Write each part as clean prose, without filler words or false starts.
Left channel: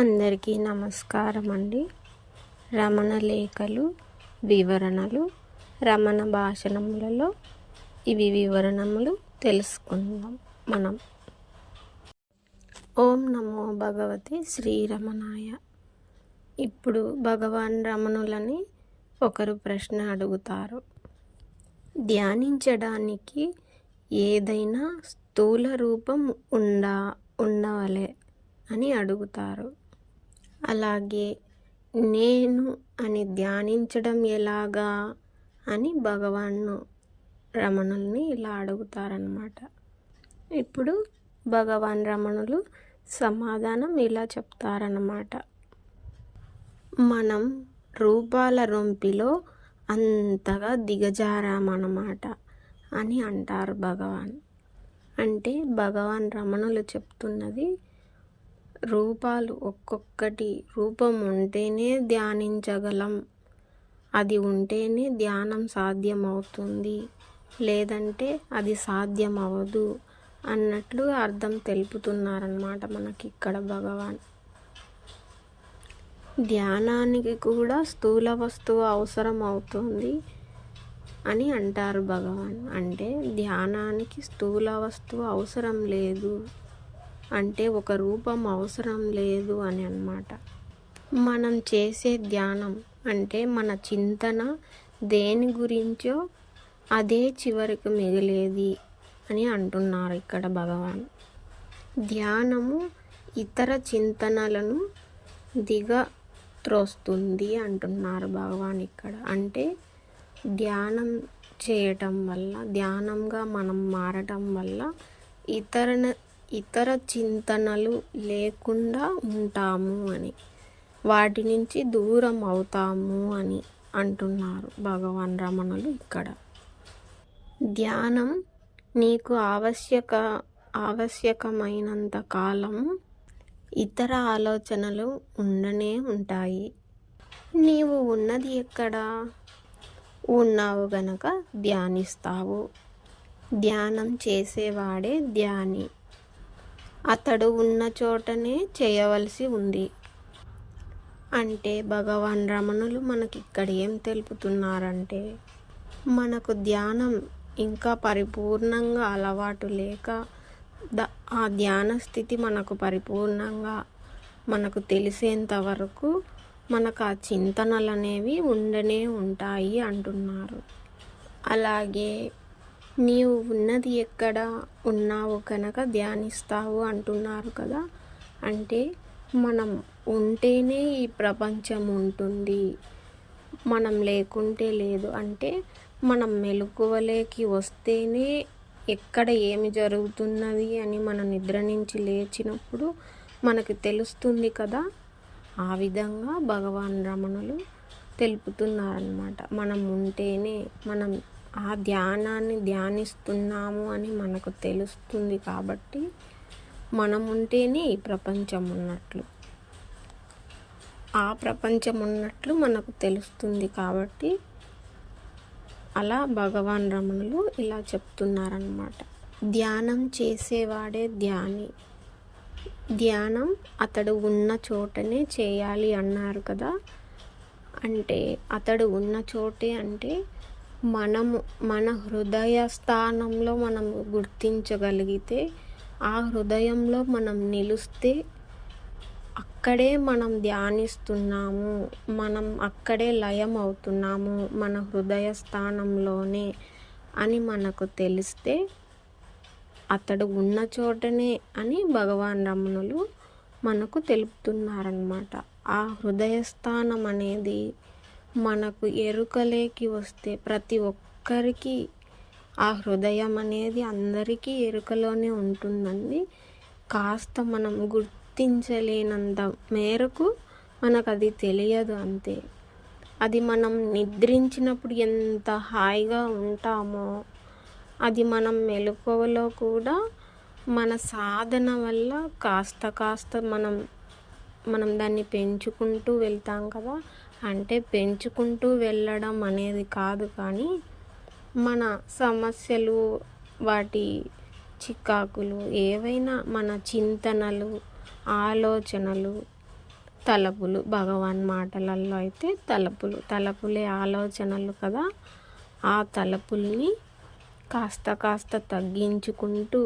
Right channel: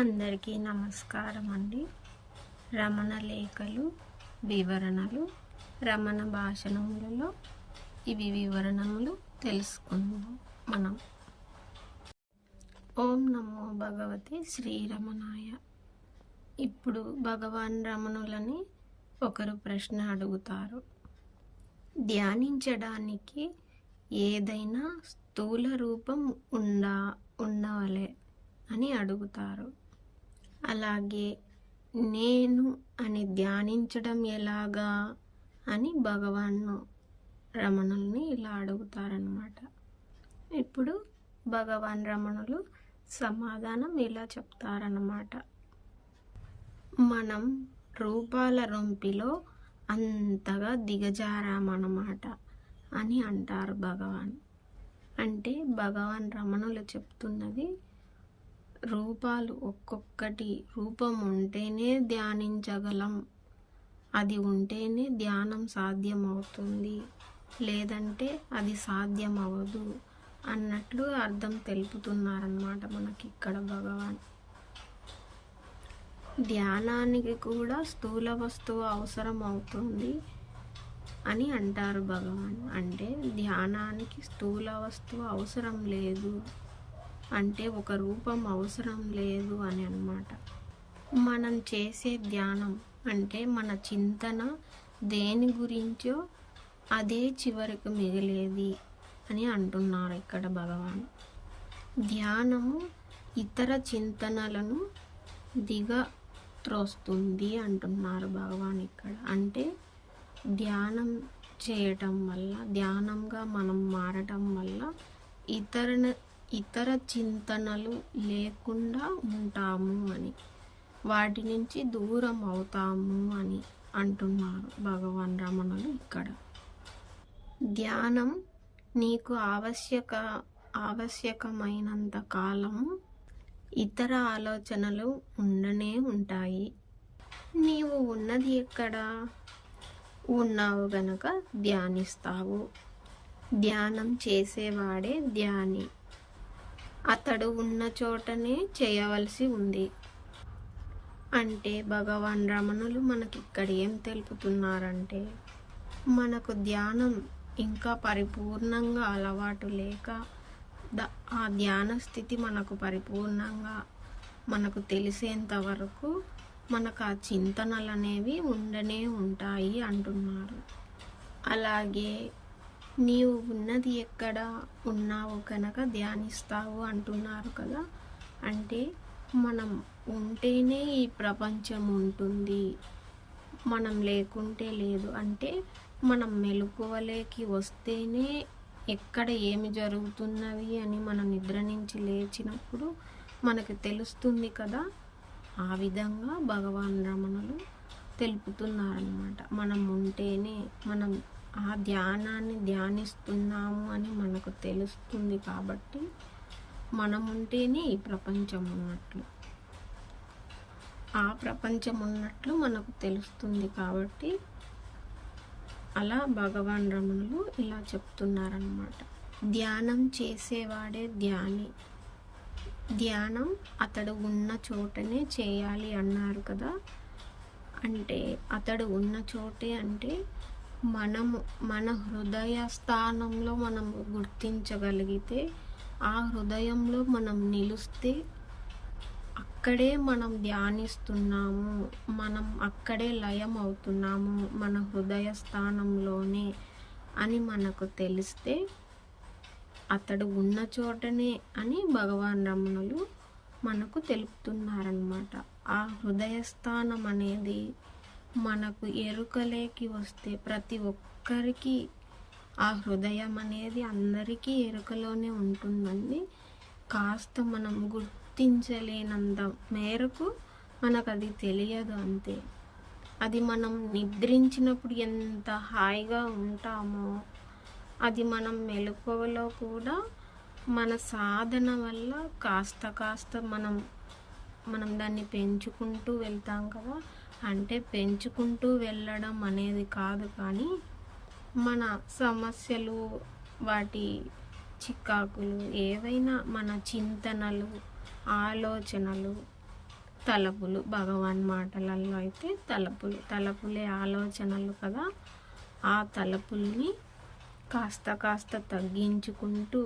అందరికీ నమస్కారం అండి. రమణ లేఖలు, వివరణలు, రమణ భాషణములలో ఇవి వివరణములు తెలుసుకుందాం మనం. ఓం నమో భగవతే శ్రీరమణాయ. ఇప్పుడు భగవాన్ రమణులని ఒకరు ప్రశ్న అడుగుతారు. ధ్యానించడానికి ఏదైనా స్థూల రూపం ఉండవలే అని అడుగుతారు. అలాగే నేను అని ధ్యానించడం ఎలాగా అని భగవాను రమణుల్ని ఇలా అడుగుతారన్నమాట. ఇప్పుడు భగవాన్ రమణులు సమాధానం ఇలా చెప్తారన్నమాట. మనం రూపాల రొంపిలో అంతగా దిగజారామన్నమాట అని అంటారు భగవాన్. అంటే భగవాన్ రమణులు చెప్తున్నది, రూపాలు ఒక్కొక్కటి రూపం ఉంటేనే ధ్యానించగలం, అది ఉంటేనే ధ్యానం సాధ్యమవుతుంది, లేదంటే అది సాధ్యం అవ్వదు అన్నట్లు అర్థం తెలుపుతున్నారన్నమాట మనకి ఇక్కడ భగవాన్. ధ్యానానికి కూడా స్థూల వస్తువు అవసరం అవుతుంది అని అంటారు భగవాన్. అంటే ధ్యానానికి స్థూల వస్తువు అవసరం లేదు, అంటే ఒక రూపం అవసరం లేదు అని అన్నమాట. మనం చేసే ధ్యానం అంటే మన చింతన దేని గురించో అదే చివరికి మిగిలేది అని అంటున్నారు ఇక్కడ భగవాన్. ధ్యానము ఇతర చింతనలను దిగత్రోస్తుంది అంటున్నారు భగవాన్ ఇక్కడ. అంటే ధ్యానం చేయటం వల్ల, ధ్యానంగా మనం మారటం వల్ల ఇతర చింతనలు లేకుండా ఉంటాము అని, వాటి నుంచి దూరం అవుతాము అని అంటున్నారు భగవాన్ రమణులు ఇక్కడ. ధ్యానం నీకు ఆవశ్యకమైనంత కాలం ఇతర ఆలోచనలు ఉండనే ఉంటాయి. నీవు ఉన్నది ఎక్కడ? ఉన్నావు గనక ధ్యానిస్తావు. ధ్యానం చేసేవాడే ధ్యాని. అతడు ఉన్న చోటనే చేయవలసి ఉంది. అంటే భగవాన్ రమణులు మనకి ఇక్కడ ఏం తెలుపుతున్నారంటే, మనకు ధ్యానం ఇంకా పరిపూర్ణంగా అలవాటు లేక ఆ ధ్యాన స్థితి మనకు పరిపూర్ణంగా మనకు తెలిసేంత వరకు మనకు ఆ చింతనలు అనేవి ఉండనే ఉంటాయి అంటున్నారు. అలాగే నీవు ఉన్నది ఎక్కడ? ఉన్నావు కనుక ధ్యానిస్తావు అంటున్నారు కదా. అంటే మనం ఉంటేనే ఈ ప్రపంచం ఉంటుంది, మనం లేకుంటే లేదు. అంటే మనం మెలకువలోకి వస్తేనే ఎక్కడ ఏమి జరుగుతున్నది అని మనం నిద్ర నుంచి లేచినప్పుడు మనకు తెలుస్తుంది కదా. ఆ విధంగా భగవాన్ రమణులు తెలుపుతున్నారన్నమాట. మనం ఉంటేనే మనం ఆ ధ్యానాన్ని ధ్యానిస్తున్నాము అని మనకు తెలుస్తుంది. కాబట్టి మనం ఉంటేనే ఈ ప్రపంచం ఉన్నట్లు, ఆ ప్రపంచం ఉన్నట్లు మనకు తెలుస్తుంది. కాబట్టి అలా భగవాన్ రమణులు ఇలా చెప్తున్నారన్నమాట. ధ్యానం చేసేవాడే ధ్యాని. ధ్యానం అతడు ఉన్న చోటనే చేయాలి అన్నారు కదా. అంటే అతడు ఉన్న చోటే అంటే మన హృదయ స్థానంలో మనం గుర్తించగలిగితే, ఆ హృదయంలో మనం నిలిస్తే అక్కడే మనం ధ్యానిస్తున్నాము, మనం అక్కడే లయం అవుతున్నాము మన హృదయ స్థానంలోనే అని మనకు తెలిస్తే అతడు ఉన్న చోటనే అని భగవాన్ రమణులు మనకు తెలుపుతున్నారన్నమాట. ఆ హృదయ స్థానం అనేది మనకు ఎరుకలేకి వస్తే, ప్రతి ఒక్కరికి ఆ హృదయం అనేది అందరికీ ఎరుకలోనే ఉంటుందండి. కాస్త మనం గుర్తించలేనంత మేరకు మనకు అది తెలియదు అంతే. అది మనం నిద్రించినప్పుడు ఎంత హాయిగా ఉంటామో, అది మనం మెలకువలో కూడా మన సాధన వల్ల కాస్త మనం దాన్ని పెంచుకుంటూ వెళ్తాం కదా. అంటే పెంచుకుంటూ వెళ్ళడం అనేది కాదు, కానీ మన సమస్యలు, వాటి చికాకులు ఏవైనా, మన చింతనలు, ఆలోచనలు తలపులు. భగవాన్ మాటలలో అయితే తలపులే ఆలోచనలు కదా. ఆ తలపుల్ని కాస్త కాస్త తగ్గించుకుంటూ,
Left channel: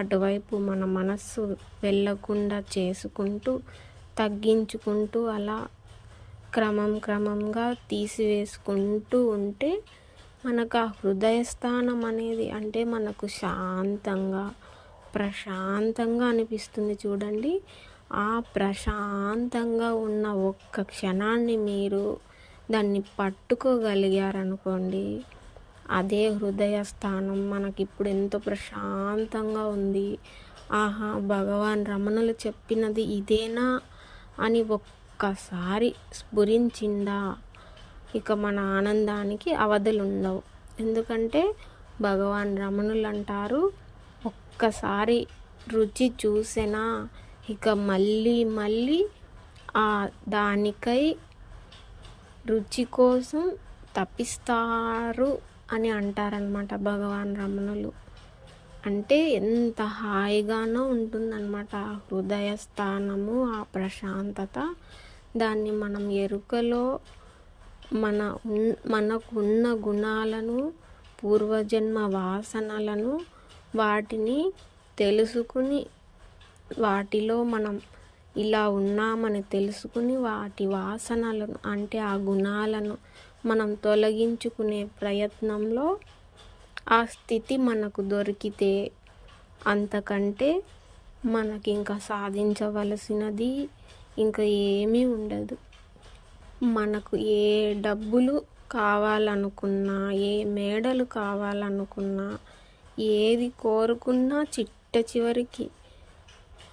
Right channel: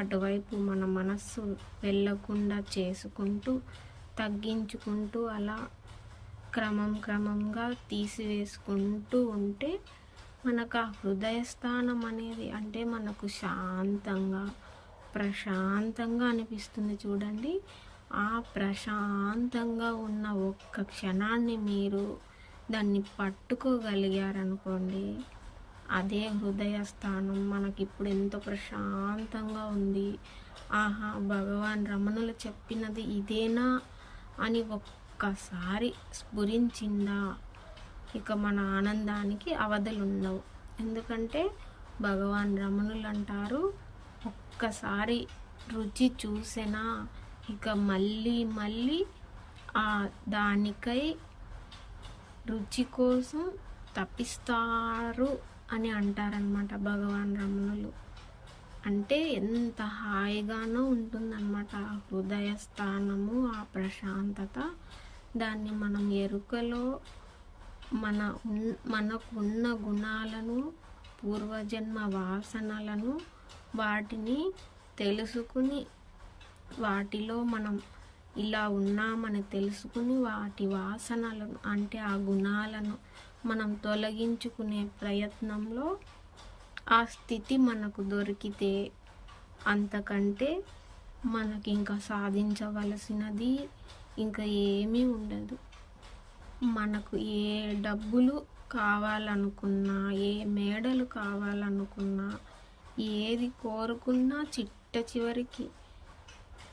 అటువైపు మన మనస్సు వెళ్ళకుండా చేసుకుంటూ, తగ్గించుకుంటూ అలా క్రమంగా తీసివేసుకుంటూ ఉంటే మనకు ఆ హృదయస్థానం అనేది అంటే మనకు ప్రశాంతంగా అనిపిస్తుంది చూడండి. ఆ ప్రశాంతంగా ఉన్న ఒక్క క్షణాన్ని మీరు దాన్ని పట్టుకోగలిగారనుకోండి, అదే హృదయ స్థానం. మనకిప్పుడు ఎంతో ప్రశాంతంగా ఉంది. ఆహా, భగవాన్ రమణులు చెప్పినది ఇదేనా అని ఒక్కసారి స్ఫురించిందా, ఇక మన ఆనందానికి అవధులుండవు. ఎందుకంటే భగవాన్ రమణులు అంటారు, ఒక్కసారి రుచి చూసినా ఇక మళ్ళీ దానికై రుచి కోసం తపిస్తారు అని అంటారనమాట భగవాన్ రమణులు. అంటే ఎంత హాయిగానో ఉంటుందన్నమాట ఆ హృదయ స్థానము, ఆ ప్రశాంతత. దాన్ని మనం ఎరుకలో మనకున్న గుణాలను, పూర్వజన్మ వాసనలను, వాటిని తెలుసుకుని, వాటిలో మనం ఇలా ఉన్నామని తెలుసుకుని, వాటి వాసనలను అంటే ఆ గుణాలను మనం తొలగించుకునే ప్రయత్నంలో ఆ స్థితి మనకు దొరికితే అంతకంటే మనకి ఇంకా సాధించవలసినది ఇంకా ఏమీ ఉండదు. మనకు ఏ డబ్బులు కావాలనుకున్నా, ఏ మేడలు కావాలనుకున్నా, ఏది కోరుకున్నా చివరికి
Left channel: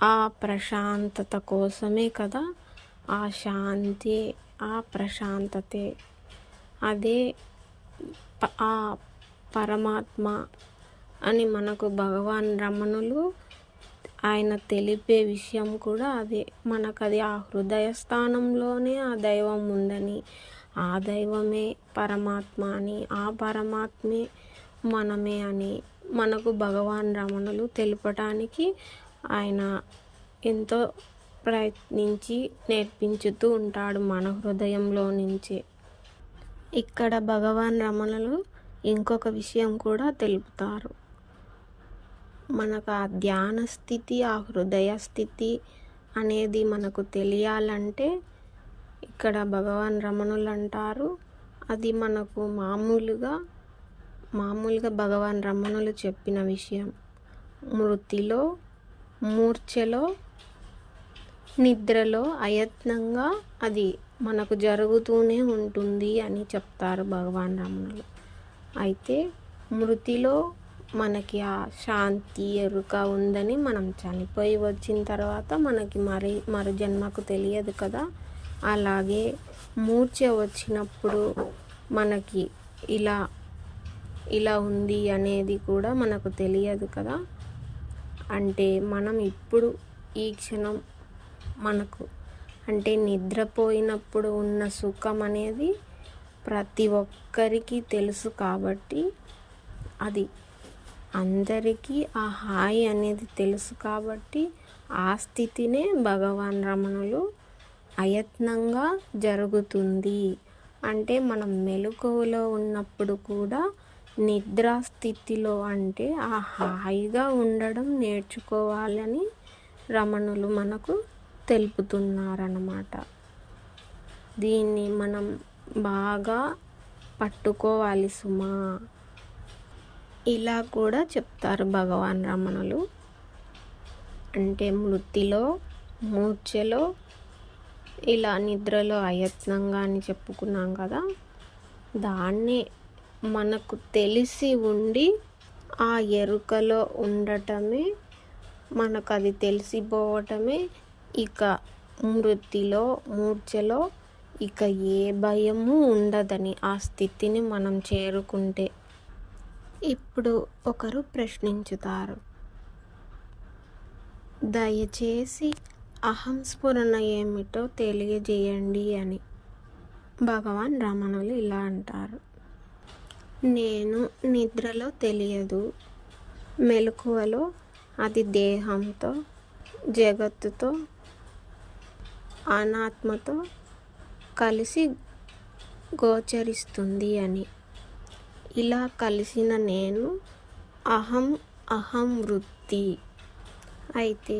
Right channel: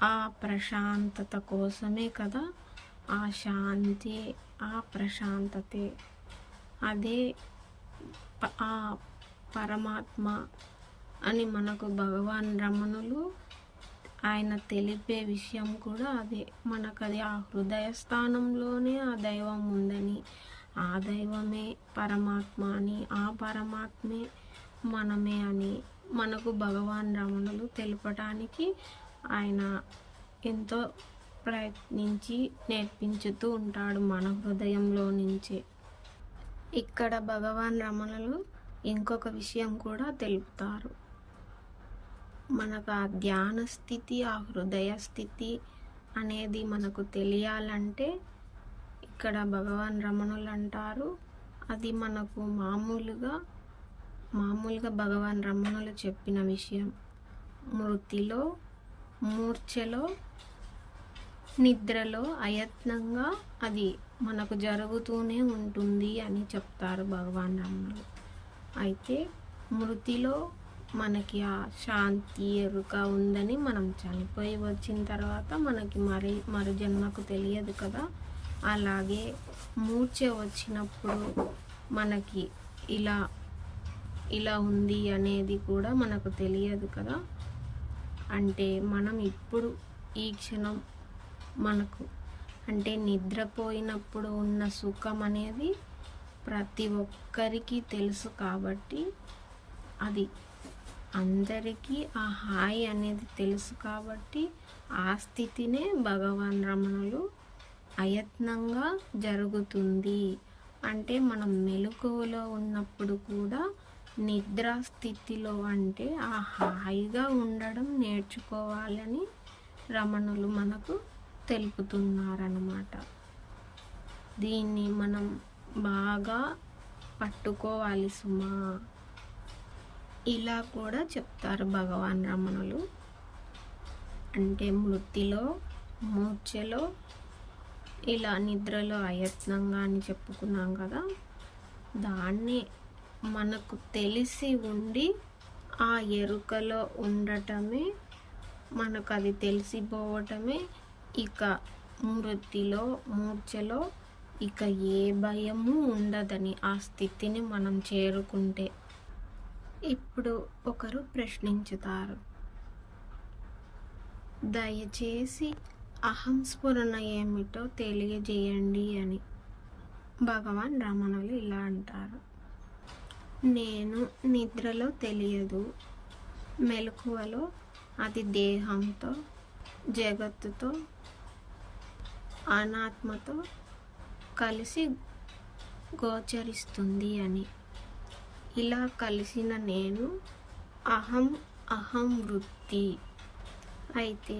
ఆ ప్రశాంతత కోసమే కదా. ఆ శాంతి, ఆ ప్రశాంతతే, అదే ఆ పరమాత్మ అని మనకు భగవాన్ రమణులు ఆయన తెలిపే విషయం కూడా అదే. మనకు అది ఆ హృదయ స్థానంలోనే ఆ దైవం ఉందని, ఆ దైవమే పరమాత్మ అని, ఆ పరమాత్మే మనమే అని మనకు భగవాన్ రమణులు తెలుపటానికి ఆయన ఎంతో ప్రయత్నించి నేర్పించుతూ ఉంటాడు మన హృదయంలో నుంచే. ఇక్కడ భగవాన్ రమణులు ఇంకొక విషయం కూడా తెలుపుతారు. మనకు ఆ ధ్యాన స్థితి, ఆ హృదయ స్థితి అనేది మనకు తెలియాలంటే ఇక్కడ భగవాన్ రమణులు అంటారు, అది మనకు మామూలుగా భగవాన్ రమణులు చెప్పిన విషయం. మృతిలో, మూర్ఛలో, నిద్రలో అయత్నంగా అది మనకు జరుగుతూనే ఉంటుంది అని చెప్తారు భగవాన్ రమణులు. అయితే మృతిలో మనకి ఆ శాంతి ఎరుక ఉందని, మనం చనిపోయి వచ్చిన తర్వాత మనకి మరు జన్మకు తెలియదు కదా. అలాగే మూర్ఛ వచ్చినప్పుడు మనకి ఇలా ఉంది అనేది కూడా మనకు తెలియదు కదా. అంటే మనం ఇప్పుడు ఈ క్షణం మనకు అంటే నిద్రపోయినప్పుడు ఉన్న సుఖం అనేది ప్రతి ఒక్కరికి తెలుసు కాబట్టి, అది అందరికీ ఆ హాయి అనేది తెలుసు కాబట్టి, ఆ స్థితినే భగవాన్ రమణులు అయత్నంగా జరుగుతుంది అంటే మనం మెలకువలో ఉన్నప్పుడు కూడా నిద్రా స్థితిలో అంటే ఆ హాయిగా ఉండడం నేర్చుకోవాలని రమణులు మనకు తెలుపుతున్నారన్నమాట. దీన్ని మనం బాగా పట్టుకోవాలి సుమా. ఇలా కూడా చెప్తారు భగవాన్ రమణులు. అంటే మృతిలో, మూర్ఛలో, ఇలా నిద్రలో అయత్నంగా అని చెప్పుకున్నాం కదా. దాన్ని మనకు తెలిసి ఉండి ఆ ఎరుకలో ఉండటమే, మనకు అది తెలిసిపోవటమే ఇక మృతిలో, మూర్ఛలో ఇక ఏ భయము ఉండదని ఆ స్థితిని మనం చేరుకుంటే. ఇప్పుడు ఒకరు ప్రశ్నించుతారు, దయచేసి అహంస్ఫురణ ఏమిటో తెలియజేయండి అని. భగవాన్ రమణులు ఇలా అంటారు, నేను నిద్రలో తెలియదు, మెలకువలో అది దేహంతో, జగత్తుతో అనాత్మతో కలిసి గోచరిస్తుంది అని. ఇలా కలిసిన నేను అహం వృత్తి. అయితే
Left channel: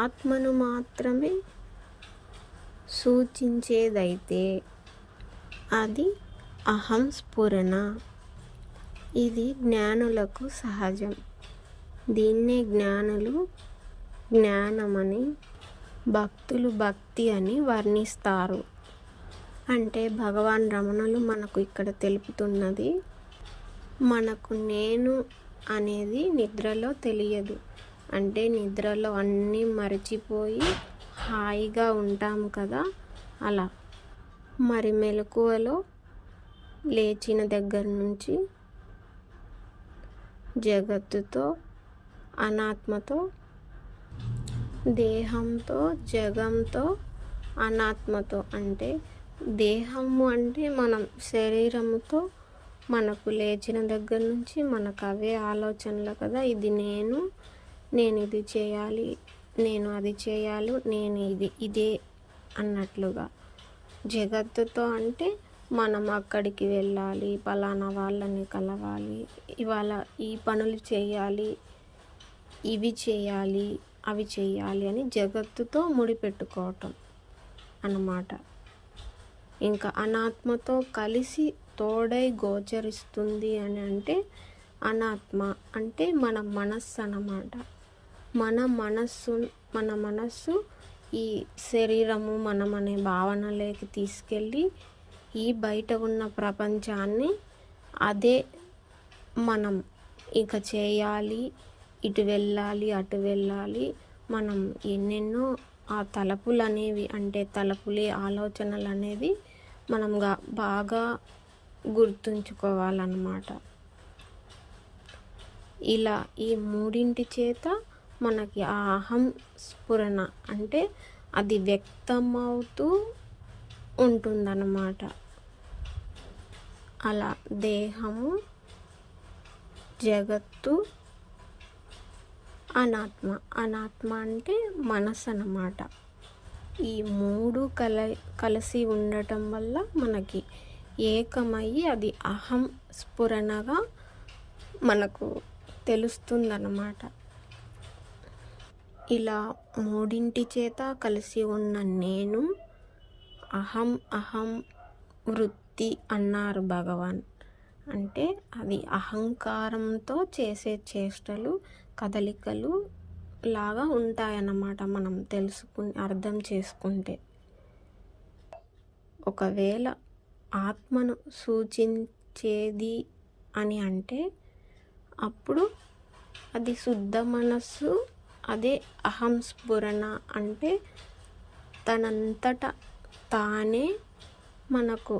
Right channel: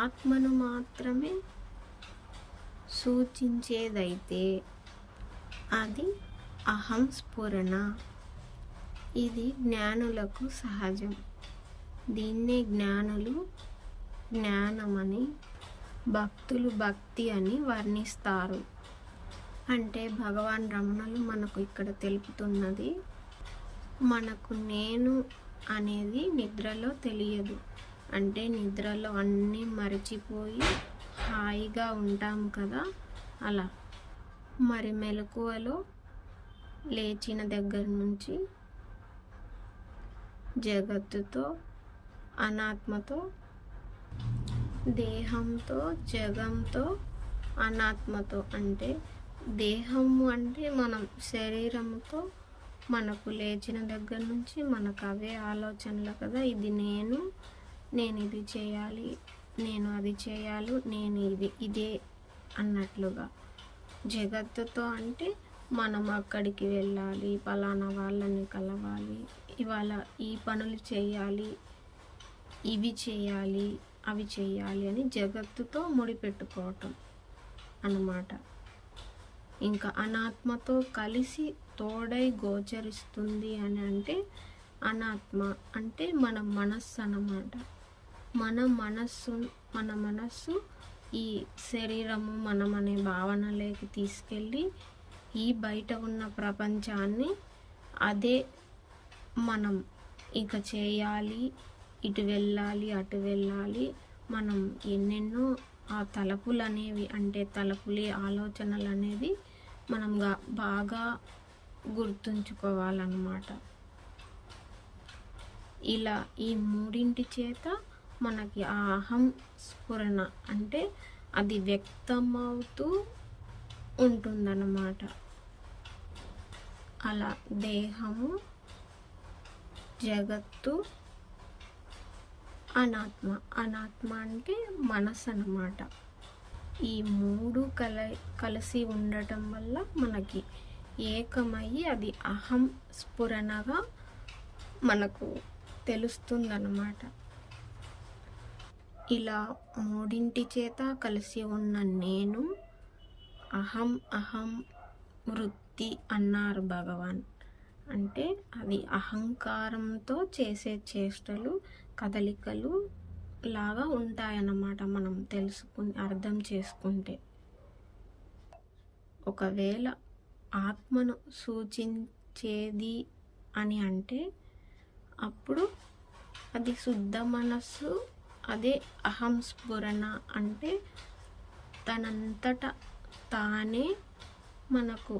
ఆత్మను మాత్రమే సూచించేదైతే అది అహం స్ఫురణ. ఇది జ్ఞానులకు సహజం. దీన్నే జ్ఞానులు జ్ఞానమని, భక్తులు భక్తి అని వర్ణిస్తారు. అంటే భగవాన్ రమణులు మనకు ఇక్కడ తెలుపుతున్నది, మనకు నేను అనేది నిద్రలో తెలియదు. అంటే నిద్రలో అన్నీ మరిచిపోయి హాయిగా ఉంటాం కదా, అలా. మరి మెలకువలో లేచిన దగ్గర నుంచి జగత్తుతో, అనాత్మతో, దేహంతో, జగంతో, అనాత్మతో, అంటే దేహము అంటే మనం శరీరముతో, మనకు లేచిన దగ్గర నుంచి మనకు అవే ఆలోచనలు కదా, ఇది నేను ఇది చేయాలి, నేను అది చేయాలి, నేను ఇదే అన్నట్లుగా. జగత్తుతో అంటే మనం అక్కడికి వెళ్ళాలి, పలానా వాళ్ళని కలవాలి, ఇవాళ ఈ పనులు చేయాలి, ఇవి చేయాలి, అవి చేయాలి అని జగత్తుతో ముడిపెట్టుకోవటం అన్నమాట. ఇంకా అనాత్మతో కలిసి తోడై గోచరిస్తుంది అని అంటే అనాత్మ అంటే మన మనస్సు అన్నమాట. మన మనస్సు ఈ శరీరము మనం అనే భావనలోకి తీసుకెళ్ళి ఈ బయట ఉన్న ప్రపంచాన్ని అదే మనం ఇక చేయాలి, ఇటు వెళ్ళాలి, అటు వెళ్ళాలి, మనం ఎన్నెన్నో ఆ తలపులు అనేవి, అంటే తలపులే ఆలోచనలు అనేది మనం బాగా గుర్తుంచుకోవాలన్నమాట. ఇలా ఈ మూడింటి చేత మనకి ఆ అహం స్ఫురణ అంటే అది వ్యక్తమవుతూ ఉంటుందన్నమాట. అలా దేహము, జగత్తు, అనాత్మ అంటే మనసు అన్నమాట. ఈ మూడు కలిసి ఉండటం వల్ల మనకి ఏకమయ్యి అది అహం స్ఫురణగా మనకు తెలుస్తుందన్నమాట. ఇలా మూడింటి చేత కలిసి ఉన్న నేను అహం వృత్తి అన్నారు భగవాన్. అంటే అది అహంకారంతో చేసే చేష్టలు, కదలికలు లాగా ఉంటాయన్నమాట మనం అర్థం చేసుకుంటే. ఒకవేళ ఆత్మను సూచించేది అని అంటే అప్పుడు అది శుద్ధ మనస్సు, అదే అహం స్ఫురణ. అంటే తనంతట తానే మనకు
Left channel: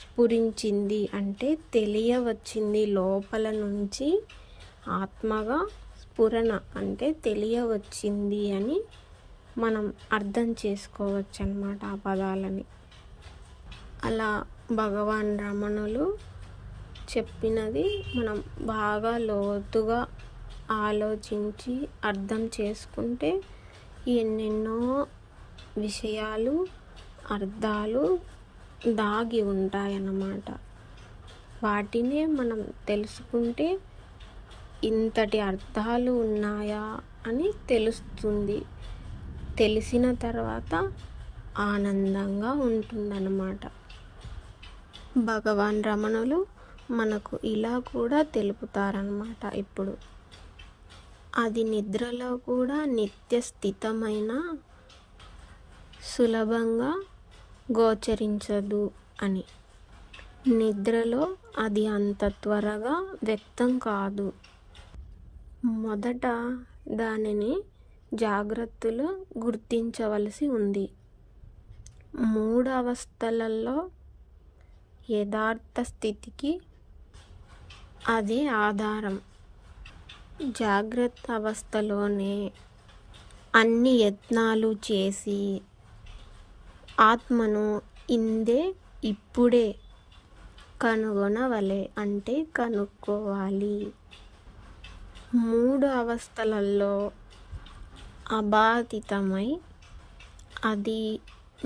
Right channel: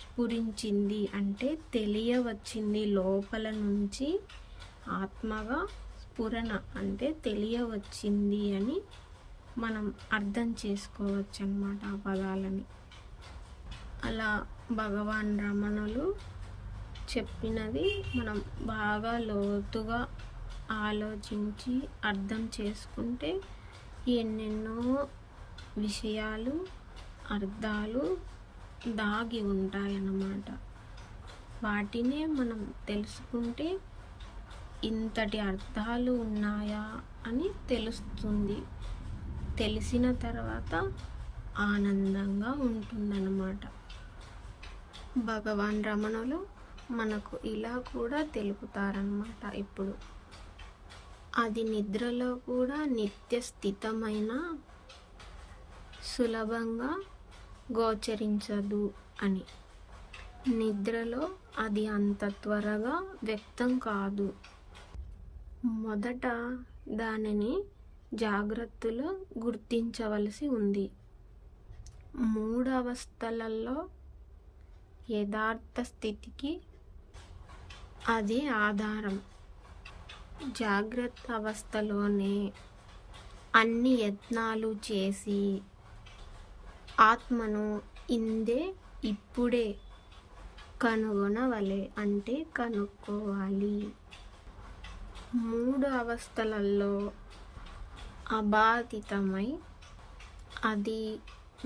స్ఫురించింది, అంటే తెలియవచ్చింది, లోపల నుంచి ఆత్మగా స్ఫురణ అంటే తెలియవచ్చింది అని మనం అర్థం చేసుకోవచ్చు అన్నమాట ఆ పదాలని. అలా భగవాన్ రమణులు చెప్పినది మనం బాగా లోతుగా ఆలోచించి అర్థం చేసుకుంటే ఎన్నెన్నో విషయాలు, అర్థాలు దాగి ఉంటాయన్నమాట. వాటినే మనం తెలుసుకుంటే ఇంతటి అర్థాలు ఉన్నాయా అని తెలుస్తుంది. తెలిసిన తర్వాత ఆనందంగా ఉంటుందన్నమాట. భగవాన్ రమణులు మనకు ఇలా కూడా తెలుపుతారన్నమాట. ఇప్పుడు అది నిద్రలో కూడా నిత్య స్థితమైన సులభంగా గోచరించదు అని. నిద్రలో అది అంత త్వరగా వ్యక్తం కాదు. మొదట దానిని జాగ్రత్తలో గుర్తించవలసి ఉంది. 3 అవస్థలలో యథార్థ స్థితికి అదే ఆధారం. జాగ్రత్త అవస్థలోనే అన్ని యత్నాలు చేసి ఆత్మను ఇందే ఇప్పుడే కనుగొనవలే, అంటే కనుక్కోవాలి. 3 అవస్థలలో అబాధితమై అది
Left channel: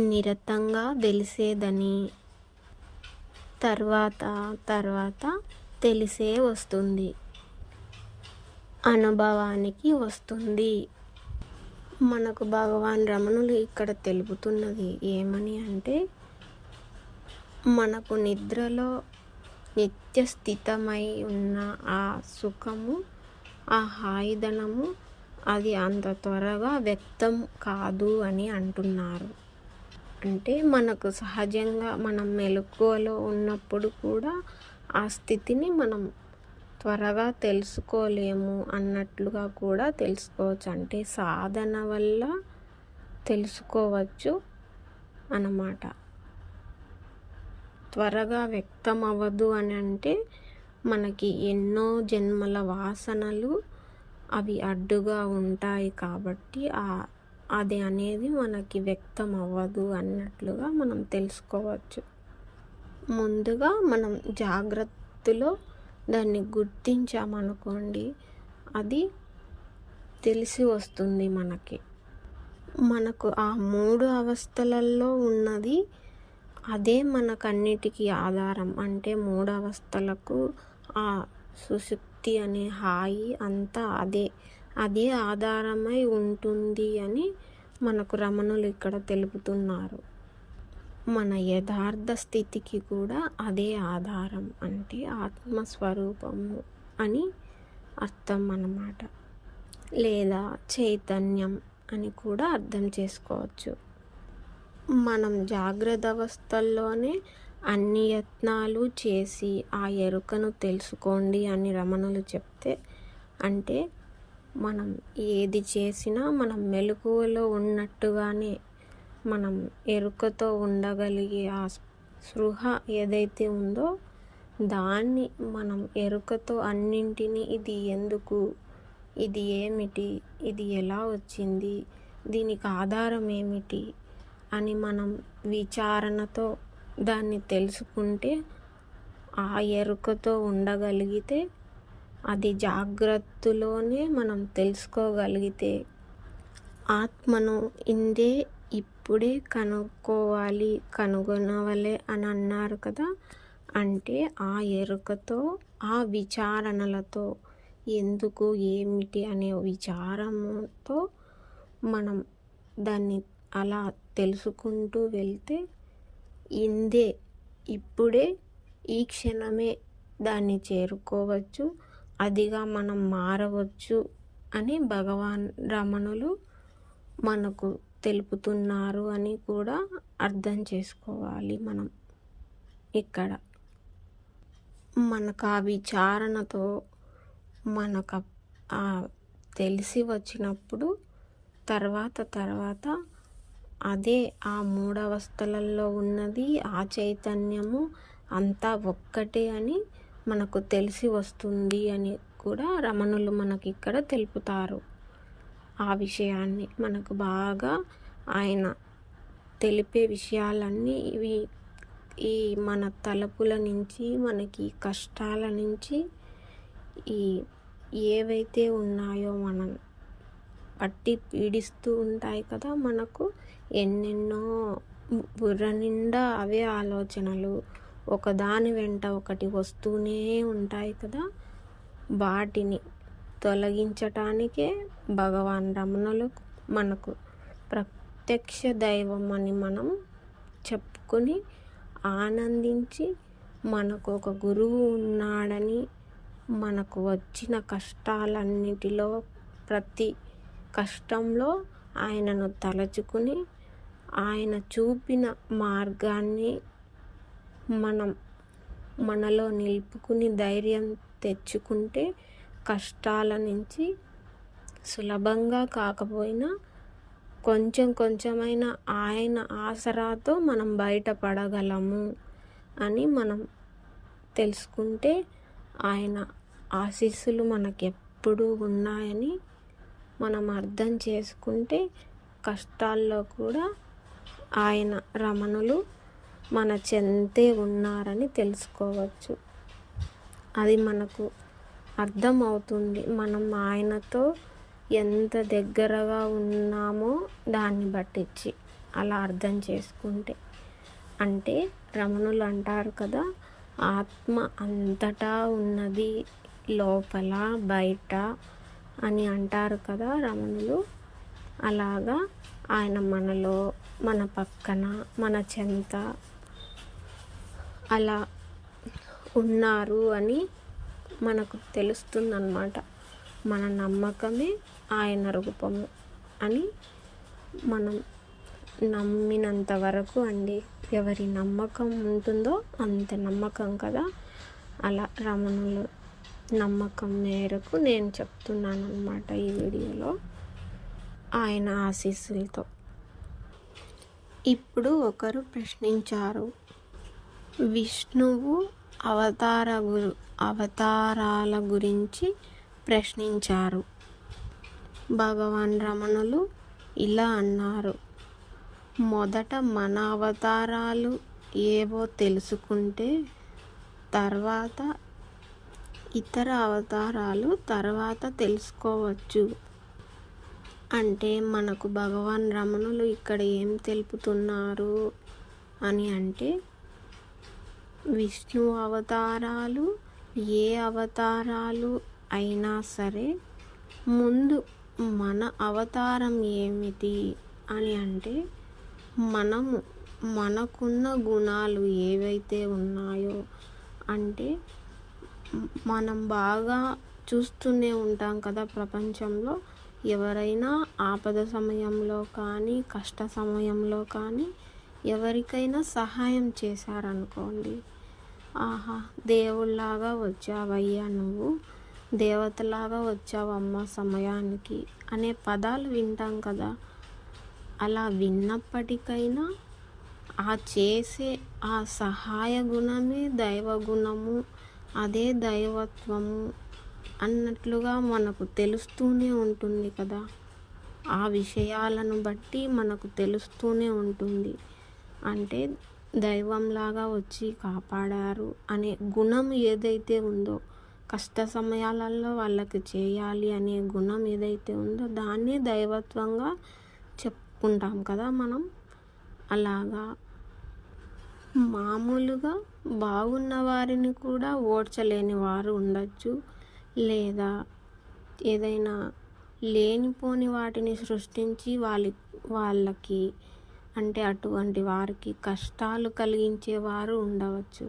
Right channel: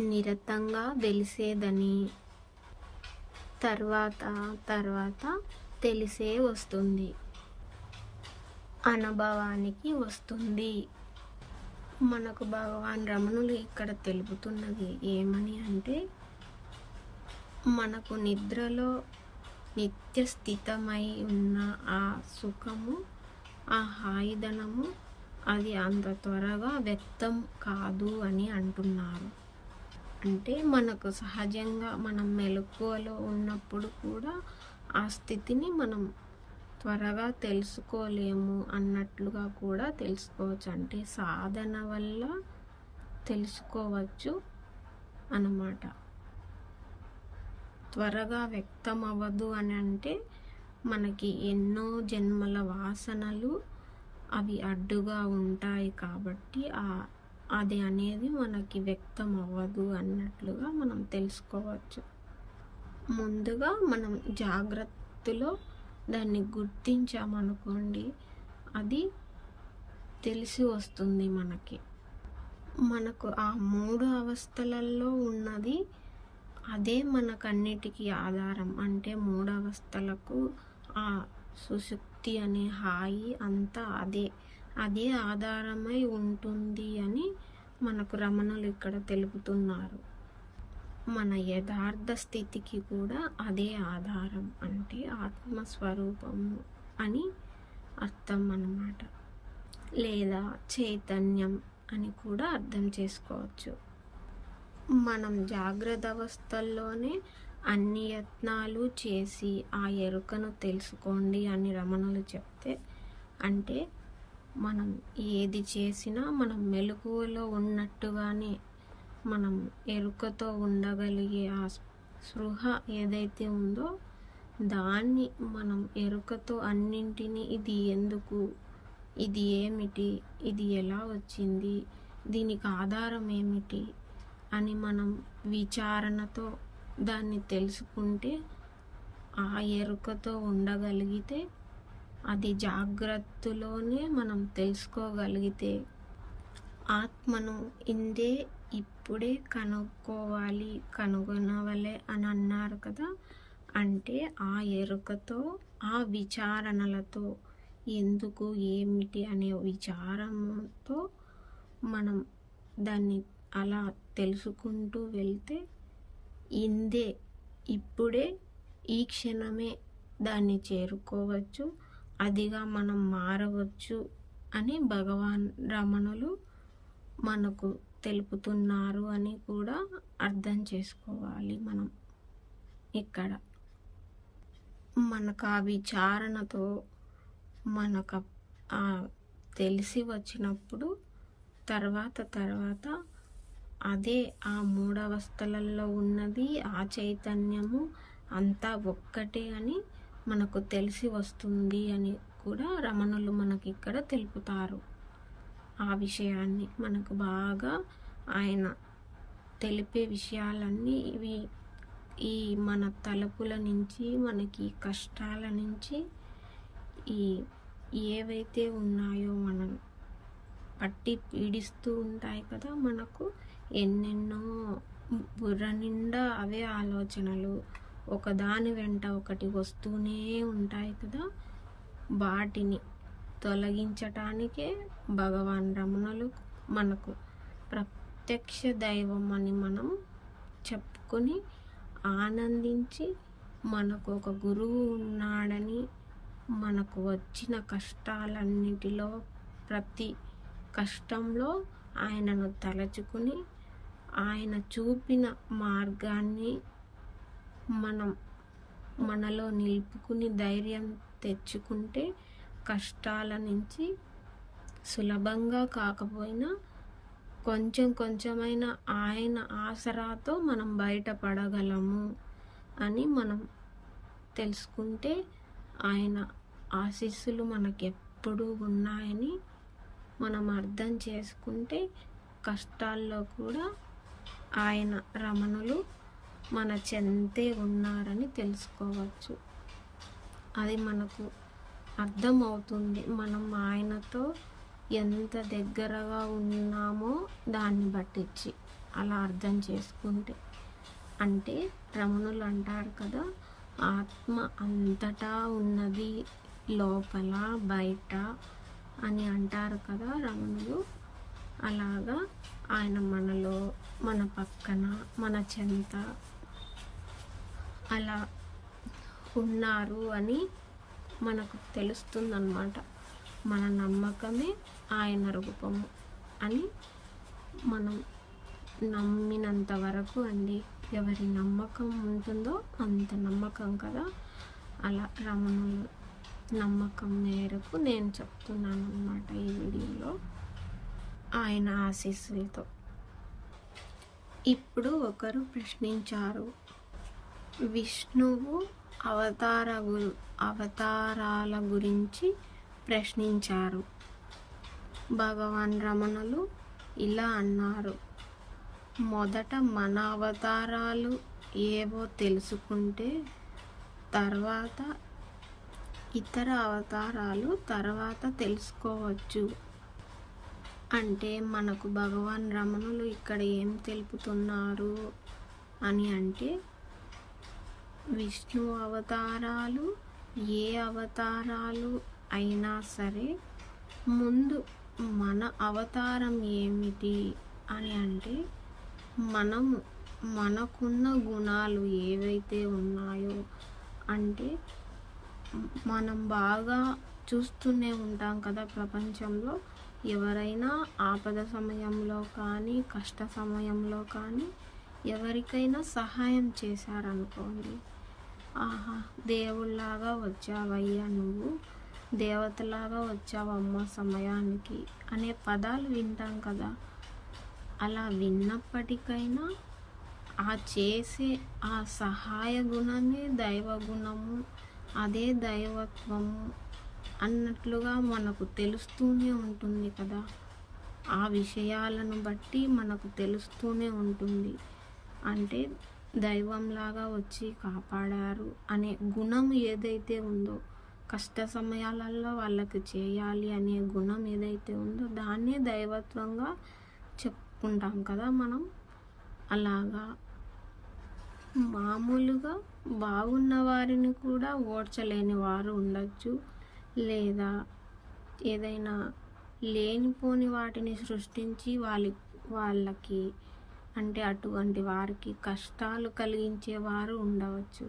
నిరతంగా తెలిసేదని తర్వాత తెలిసే వస్తుంది, అనుభవానికి వస్తుంది. మనకు భగవాన్ రమణులు ఇక్కడ తెలుపుతున్నది ఏమని అంటే, మనకు నిద్రలో నిత్య స్థితమై ఉన్న ఆ సుఖము, ఆ హాయిదనము అది అంత త్వరగా వ్యక్తం కాదు అని అంటున్నారు. అంటే మనకు సహజంగా మనం మెలకువలో ఉన్నప్పుడు కూడా ఆ స్థితిని మనం త్వరగా తెలుసుకోలేము అన్నట్లుగా కూడా తెలుసుకోవచ్చు. అంటే సాధన వల్ల తెలుసుకోవచ్చు అన్నమాట. త్వరగా వ్యక్తం అవ్వదు అని అంటే మనకి ఎన్నో జన్మల వాసనలు అవి అడ్డుగా ఉంటాయి కాబట్టి అది అనేది మనకి వ్యక్తం అవ్వదు అన్నట్లుగా మనం తెలుసుకోవచ్చు. ముందుగా మనం జాగ్రత్తలో దాన్ని గుర్తించామనుకోండి, అది తెలిసి వస్తుంది మనకు ఆ 3 అవస్థలలో ఉన్నది అదే మనకన్నిటికీ ఆధారం. అంటే 3 అవస్థలకు ఆ సుశుక్తి అనే హాయి అంతా అదే ఆధారమై ఉంటుంది అని మనకు రమణులు ఇక్కడ తెలుపుతున్నారు. మన యథార్థ స్థితికి కూడా అదే ఆధారం, అంటే ఆత్మస్వరూపము అని అర్థం అన్నమాట, లేదా చైతన్యం అని కూడా అర్థం చేసుకోవచ్చు. మనం జాగ్రత్త అవస్థల్లోనే అన్ని యత్నాలు చేసి ఆ ఎరుకను తెలుసుకోండి అని రమణులు చెప్తే, అంటే మనం ఏది చేసినా మనం మెలకువలో ఉన్నట్టుగానే మనం ఎరుకతో ఉండగలిగే ఆ స్పృహ ఏదైతే ఉందో దాన్ని మనం ఎరుకతో అన్నింటినీ ఇది ఎందుకు, ఇది ఏమిటి, ఇది ఎలా వచ్చింది, దీనికి ఆధారం ఏమిటి అని మనం విచారణతో దాన్ని తెలుసుకుంటే, ఆ ఎరుకతో ఉండగలిగితే, అది జాగ్రత్తలోనే మనం తెలుసుకోగలిగితే, ఆత్మను ఇందే ఇప్పుడే కనుగొనవలే అని అన్నారు కదా. అంటే ఆ ఎరుకతో, ఆ విచారణలతో, ఎందుకు ఏమిటి అనే విచారంతో మనం దాన్ని అలా తెలుసుకుంటూ వెళ్తే, ఇందే ఇప్పుడే ఈ క్షణమే దాన్ని చేరుకోవచ్చు, అదిగా మనం మారవచ్చు అని భగవాన్ రమణులు మనకు తెలుపుతున్నారు అని కూడా అర్థం చేసుకోవాలి. మనం ఇక్కడ మనకు ఆ విచారణతో మనకు తెలిసి వచ్చినప్పుడు తర్వాత అదే ఆ 3 అవస్థలలో ఉన్నది, ఆ చైతన్యము అంతా ఒక్కటే అని మనకు తెలిసి వస్తుంది అని కూడా రమణులు మనకి ఇక్కడ తెలుపుతారు. ఆ విషయాన్ని మనకు బాగా ఆయన తెలిపే విషయాలన్నీ ఇవి ఈ మన తలపుల నుంచి, మనకి కష్టాల నుంచి, ఏవైతే ఉన్నాయో మనం పట్టి పీడిస్తూ ఉంటాయి కదా, మనకు ఎన్నెన్నో బుర్ర నిండా అవే ఆలోచనలు ఒకదాని వెంట ఒకటి వస్తూనే ఉంటాయి కదా, వాటిని తొలగించటానికే భగవాన్ రమణులు మనకు ప్రత్యక్ష దైవం అని మనం చెప్పుకొని ఆనందించి, మనకు ఒక గురువు ఉన్నాడని, మనకు వచ్చిన కష్టాలన్నిటిలో ప్రతి కష్టంలో ఆయనను తలచుకుని ఆయన చూపిన మార్గాన్ని మనం మనలో నిలుపుకుని ధైర్యం తెచ్చుకుంటే కష్టాల నుంచి సులభంగా కాకపోయినా కొంచెమైనా ఆయన ఆసరాతో మనం బయటపడగలము అని మనం తెలుసుకుంటే, ఆయన ఆశీస్సులు మనకెప్పుడూ ఉన్నాయని మనం అర్థం చేసుకుంటే, కష్టాల్లో కూడా ఆయన రమణులు మన చెంతే ఉన్నారని తెలుసుకోవచ్చు. అది మనకు అర్థమవుతుంది. మనం ఆయనతో ఎంత దగ్గరగా ఉన్నామో దాన్ని బట్టించి. అలా అర్థం చేసుకుంటే. అంటే రమణులు అంటారు కదా, ఆత్మ అంతటా ఉన్నది, లోపల బయట అని అంటారు కదా రమణులు. అలాగా ఆయన మనలో, మన పక్కన, మన చెంత అలా ఉన్నారు అని మనకు తెలుస్తుందన్నమాట. మన నమ్మకమే ఆయన రూపము అని మనం నమ్మినంత వరకు అండి. ఎవరి నమ్మకం ఉంటుందో అంత నమ్మకం కదా. అలా రమణుల నమ్మకం మేరకు నేను చెప్తున్నాను అన్నమాట ఈ వీడియోలో, ఆయన ఆశీస్సులతో. ఇప్పుడు ఒకరు ప్రశ్నించారు, విష్ణువు అవతారాల గురించి ప్రశ్నించారు. భగవాన్ రమణులు ఇలా అన్నారు, మొదట మన అవతారాలు ఏవో తెలుసుకుంటే తర్వాత ఇతర అవతారాలు తర్వాత తెలుసుకోవచ్చు. అంటే మనకు భగవాన్ రమణులు ఇక్కడ ఏం తెలుపుతున్నారు అని అంటే, విష్ణు అవతారాలు ఏ అవతారాలు అయినా సరే ముందు మన అవతారం ఏమిటి అని అంటే, మనకున్న గుణాలు ఏవైతే ఉన్నాయో, అంటే మనం బాగా చూస్తూనే ఉంటాం కదా ప్రపంచంలో, ఎవరైనా ఆపద సమయంలో కానీ కష్ట సమయంలో కానీ ఎవరికైనా సహాయం చేశారనుకోండి, ఆహా దేవుళ్ళలాగా వచ్చావయ్యా, నువ్వు దేవతలాగా వచ్చావమ్మ సమయానికి అనే పదాలు వింటాం కదా. అలా విన్నప్పటికైనా ఆ చేసే ఆ సహాయ గుణమే దైవ గుణము, అదే దైవత్వము అన్నట్లుగా మనకు తెలుస్తూనే ఉంటుంది కదా. ఆ విషయాలను బట్టి మనకు తెలుస్తూనే ఉంటుంది. అంటే దైవంలాగా వచ్చి కాపాడారు అనే గుణం ఏదైతే ఉందో, కష్ట సమయాలలో వాళ్ళకి చేయాలి అనే గుణం ఏదైతే ఉందో దాన్నే దైవత్వంగా చెప్పుకుంటాం కదా మనం. అలాగా మామూలుగా బాగున్న వారిని కూడా ఓడ్చలేని వారు ఉండొచ్చు, లేదా ఏదైనా లేనిపోని వాటిని సృష్టించి వాళ్ళకి అంటే అటువంటి వారికి కష్టాలు కలిగించేవారు ఉండవచ్చు.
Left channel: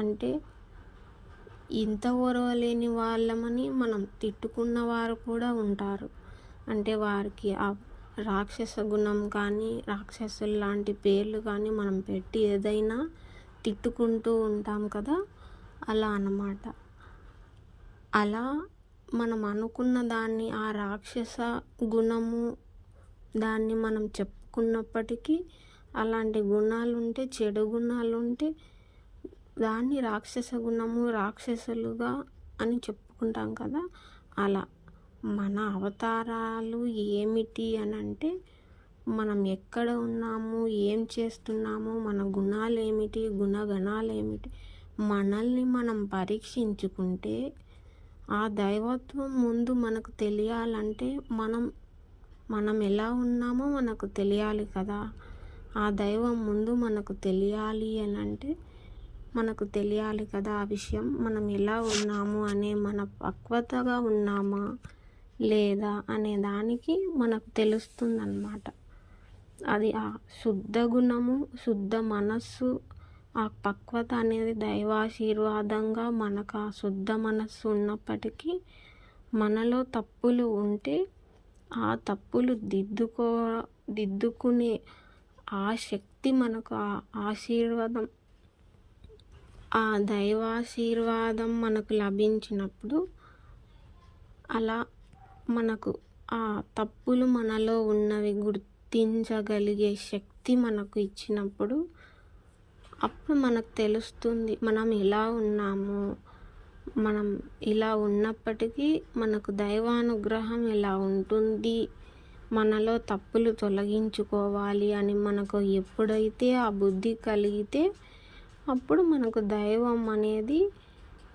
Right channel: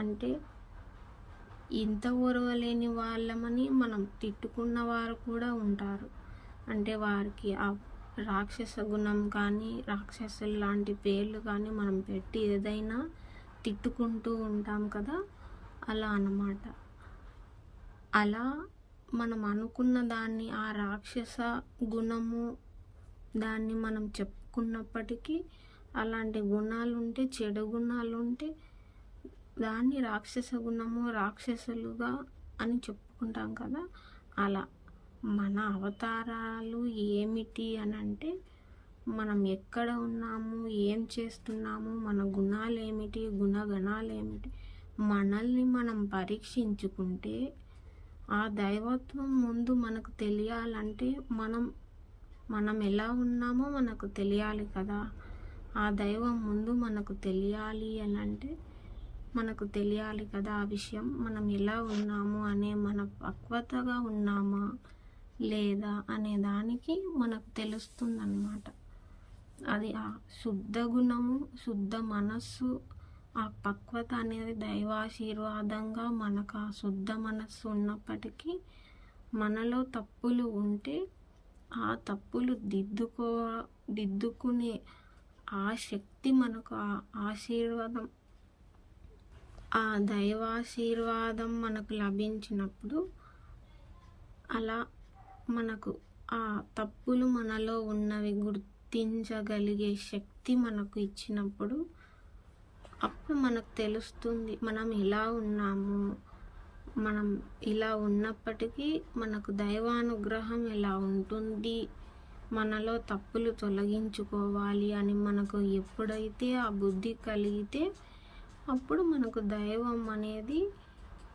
అంటే ఇంత ఓర్వలేని వాళ్ళమని మనం తిట్టుకున్న వారు కూడా ఉంటారు. అంటే వారికి ఆ రాక్షస గుణం కానీ రాక్షసులు లాంటి పేర్లు కానీ మనం పెట్టి ఏదైనా తిట్టుకుంటూ ఉంటాం కదా, అలా అన్నమాట. అలా మనం అనుకున్న దాన్ని, ఆ రాక్షస గుణము దాన్ని మనం చెప్పుకున్నప్పటికీ అలాంటి గుణాలుంటే, చెడు గుణాలుంటే దాన్ని రాక్షస గుణము, రాక్షసులుగా అని చెప్పుకుంటాం కదా. అలా మన అవతారాలు ఏమిటి అని అంటే, మనం ఎక్కడ ఉన్నాము, ఏం చేస్తున్నాము, మన గుణాలు ఏమిటి, గుణగణాలు ఏమిటి, మనల్ని మనం పరీక్షించుకుంటే ఆ దైవత్వం ముందు మనకు తెలియాలంటే మనం ఎలా ఉన్నామో మనకు తెలియాలి కదా. ఆ దైవం ముందు మనకు తెలియాలి అని అంటే మనకు తెలియాలి కదా ఆ విషయం. మనం ఎలా ఉన్నాము అనే, మన పక్వతగా ఉన్నామా లేదా అనే దానికి మనకు తెలుస్తుందన్నమాట. అది ఆ శుద్ధ గుణము, శుద్ధ మనస్సు, ఆ పక్వత అనేది దైవాశీర్వాదంగా మనకు ఆ శుద్ధ మనస్సు ఉన్నప్పటికీ మనలో తప్పులు ఉంటే ఆ తప్పులు దిద్దుకునే ఆ శక్తి మనకు, ఆ ఆశీర్వాదం, ఆ దైవాశీర్వాదం మనకు లభించినప్పుడు, అలా మనకు ఆ తప్పులు మనలో ఉన్నవి గుర్తించగలిగే శక్తి మనకు ఇచ్చినప్పుడు అప్పుడు మనకు తెలుస్తుంది మనం ఎలా ఉన్నాము. మనం ఇలా ఉన్నప్పటికీ మనకు దైవానుగ్రహం ఎలా ఉంటుంది, మనలో తప్పులు తొలగించుకోవాలి అని మనకు ఎప్పుడైతే ఆ బుద్ధి కలిగితే అప్పుడు మనకు దైవం అనేది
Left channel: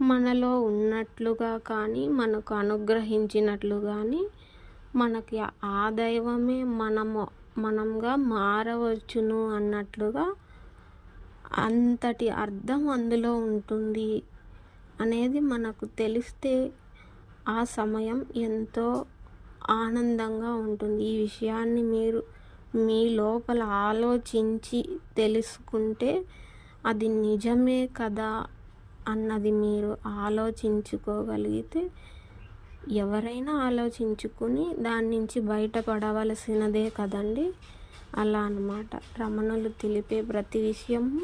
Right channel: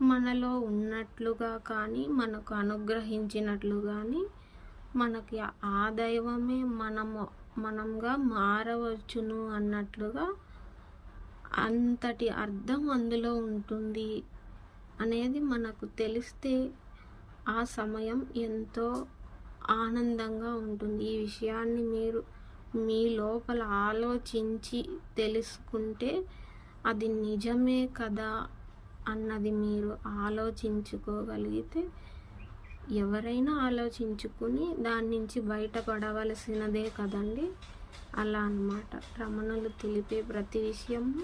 మనలో ఉన్నట్లుగా కానీ, మనకు అనుగ్రహించినట్లు కానీ, మనకి ఆ దైవమే మనము మనంగా మారవచ్చును అన్నట్లుగా అంతటి అర్థం అందులో ఉంటుంది అనేది మనకు తెలిస్తే ఆ సమయం ఎంతో ఆనందంగా ఉంటుంది. ఈ విషయాన్ని మీరు మీ లోపల ఆలోచించి తెలుసుకుంటే అది నిజమే కదా అన్నది మీరు ఆలోచించుకోగలిగితే ఎవరైనా ఆలోచించుకుని దాని నుంచి బయటపడవలసినదే కదండి. అలా అన్నమాట. రమణులు తెలిపే ప్రతి విషయము